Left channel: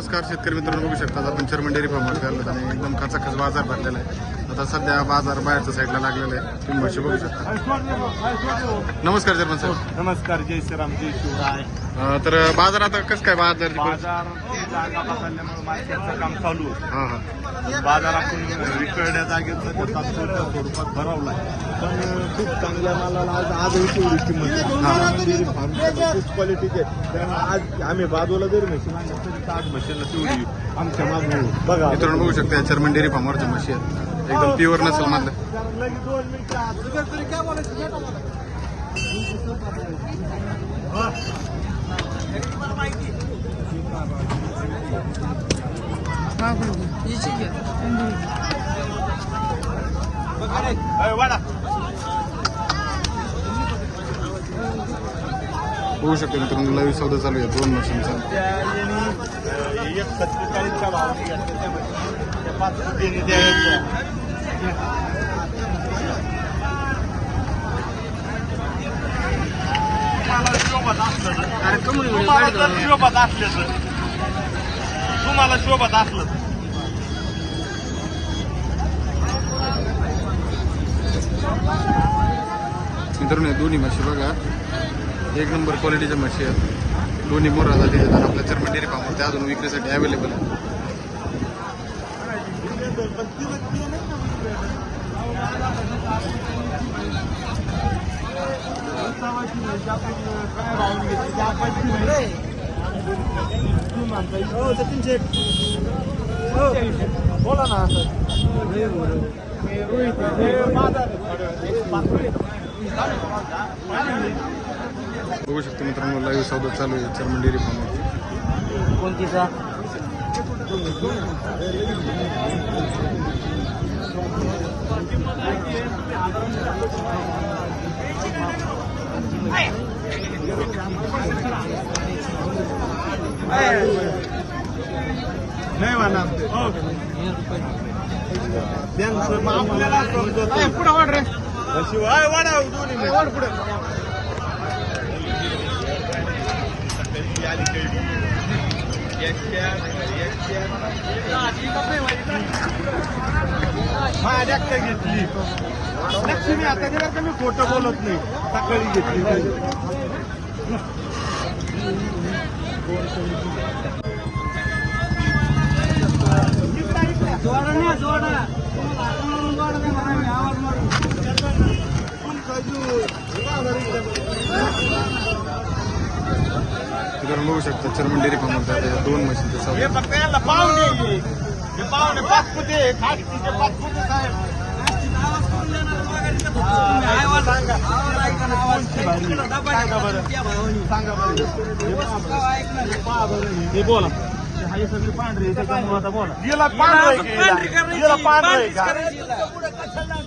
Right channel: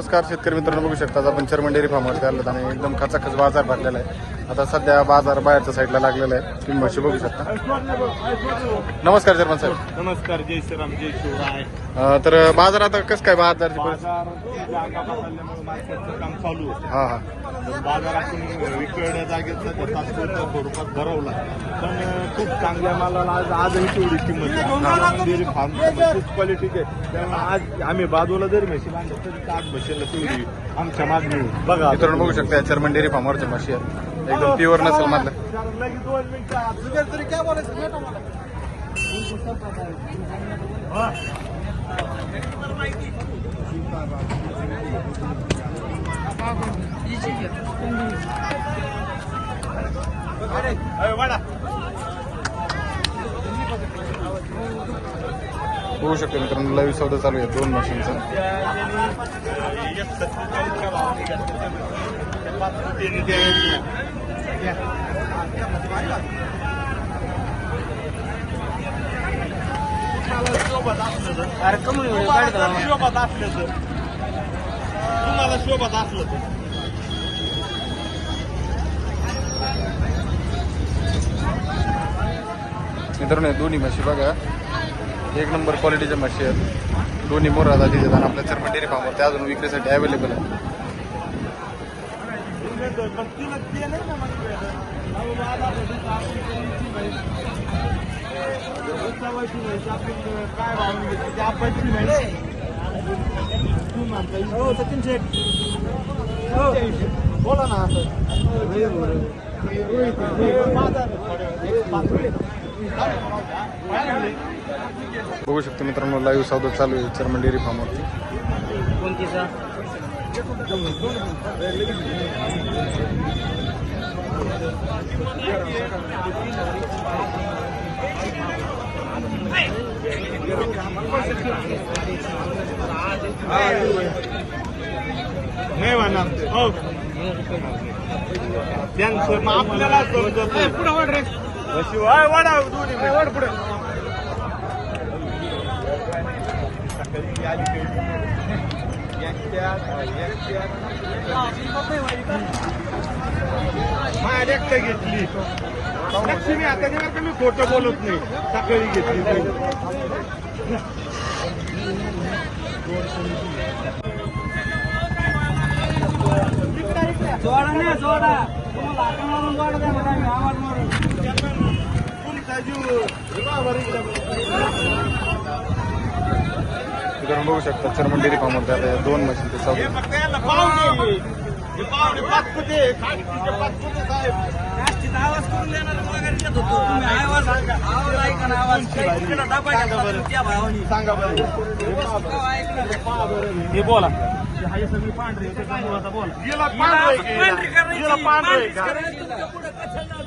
नमस्कार शेतकरी मित्रांनो बघू शकता आज आपण चर्मन डेअरी फार्मवरती आलो आणि एकदम खचाखच बाजार भरलेला आहे. आता सध्या बाजार बाहेरच्या साईडला लागलेला आहे. तुम्ही म्हशी बघू शकता. नमस्कार चर्मन साहेब नमस्कार जय श्रीराम जय शिवराय. अं, तर बाजार आता कसं काय बाजार बाजार जागा बदलल्यामुळे मार्केटचं काम चालू होतं. हा हा. बाजार आपण विकळण्या जागेत सातशेच्या स्वरूपात भरवलाय पण खूप चांगल्या मालाला आजही तेवढी किंमत आहे. डेअरी फार्म खूप क्वालिटीचे आज आम्ही बाजूला जरी म्हशी बांधल्या तरी आज म्हशीला तेवढी आमच्या मागणी बघा. मित्रांनो बघू शकता चर्मन डेअरी फार्मवरच्या म्हशी आहेत. एकदम प्युअर नसेल मधलं. होऊ शकते मित्रांनो लाईव्ह सौदा चालू आहे दोन मशीनचा शोभत असलं तर तुम्हाला जर शोभत असलं तर. तुम्हाला शोभत असलं तर. मित्रांनो दोन्ही म्हशी बघा. एक नंबर क्वालिटीच्या म्हशी आहेत. दोन्ही मोरा जातीचे आहेत आणि आपल्या चर्मन डेअरी फार्मवरती अजून विक्रीसाठी अवेलेबल आहे उत्सवाची माहिती आपण काय भावून घेतली माहिती बोला ना असं बघू शकतो मित्रांनो लाईव्ह सौदा चालू आहे चर्मन डेअरी फार्मवरती कोणतीचा? नाही म्हणा हो त्यांचं मग आपल्याला समजत पुढे वाढ रे हा जास्त घेतली. लक्ष्मी आता गेल्यावर का मी खोटं बोलत नाही. सकाळी घेतली ती. जोडा ना जोडा. तुम्हाला हातावरून जोडा द्या मला मी आवाज मारून. मित्रांनो बघू शकता चर्मन डेअरी आता या दोन फक्त याला पाहुणे पाचपुते नागपूरचे पाचपुते साहेब? नाश्तीत आवाज करून देणार वगैरे देत होतो. आवाज आवाज ऐका ना, आवाज. सांगा बरं. सांगा बरं. हे पहा बरं. हे बोला. हा सगळी पांढरी बोला. हिला पांढरं? हिला पांढरं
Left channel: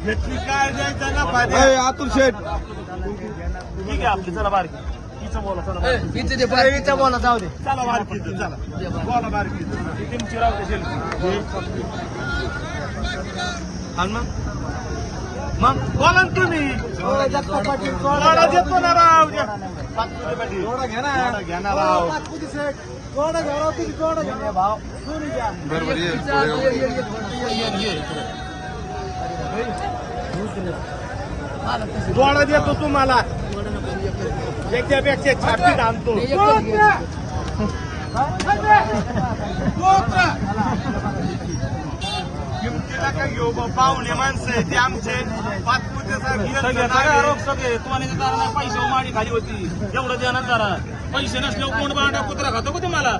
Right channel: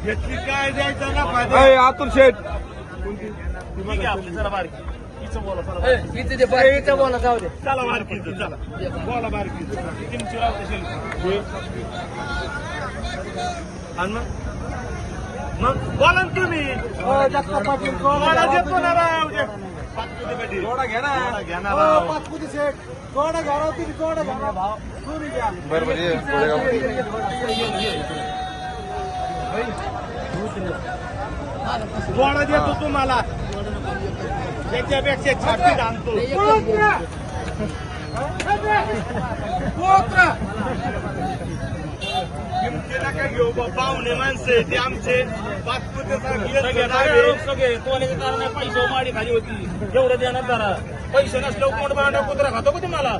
घेतली काय द्यायचं ना पाहिजे आतुल शेठ बारकी तिचं बोला. जाऊ दे. चला बारकीचं चला. बोला बारकीचं ती तुमची राव कशी आणि मग? मग बोला ना तुम्ही. थोडा देतो ना राव पाचपुते पाटील. थोडा घ्या ना. घ्या ना राव. बरोबर ये थोडा देतो तुम्हाला. त्याच्यापेक्षा छापीत आणतो किमती नका घेऊ बा पाहुणे माणसं आहे ते आमचे पाचपुते पैसे माझी खाली होती? एवढं देणार जरा. पैसे नसल्यावर कोण बाळा कुत्रा खातो का तुम्हाला?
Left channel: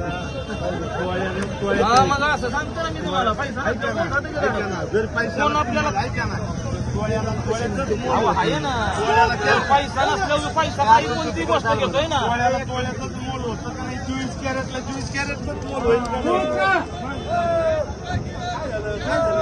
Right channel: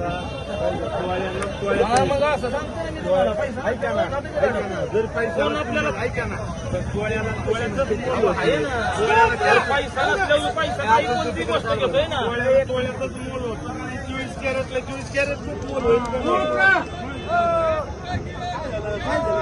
हा. पैसा जर आपल्याला- पैसा नसल्यावर मोल होतं. चोवीस कॅरेटला चोवीस कॅरेटच मोल होईल 看着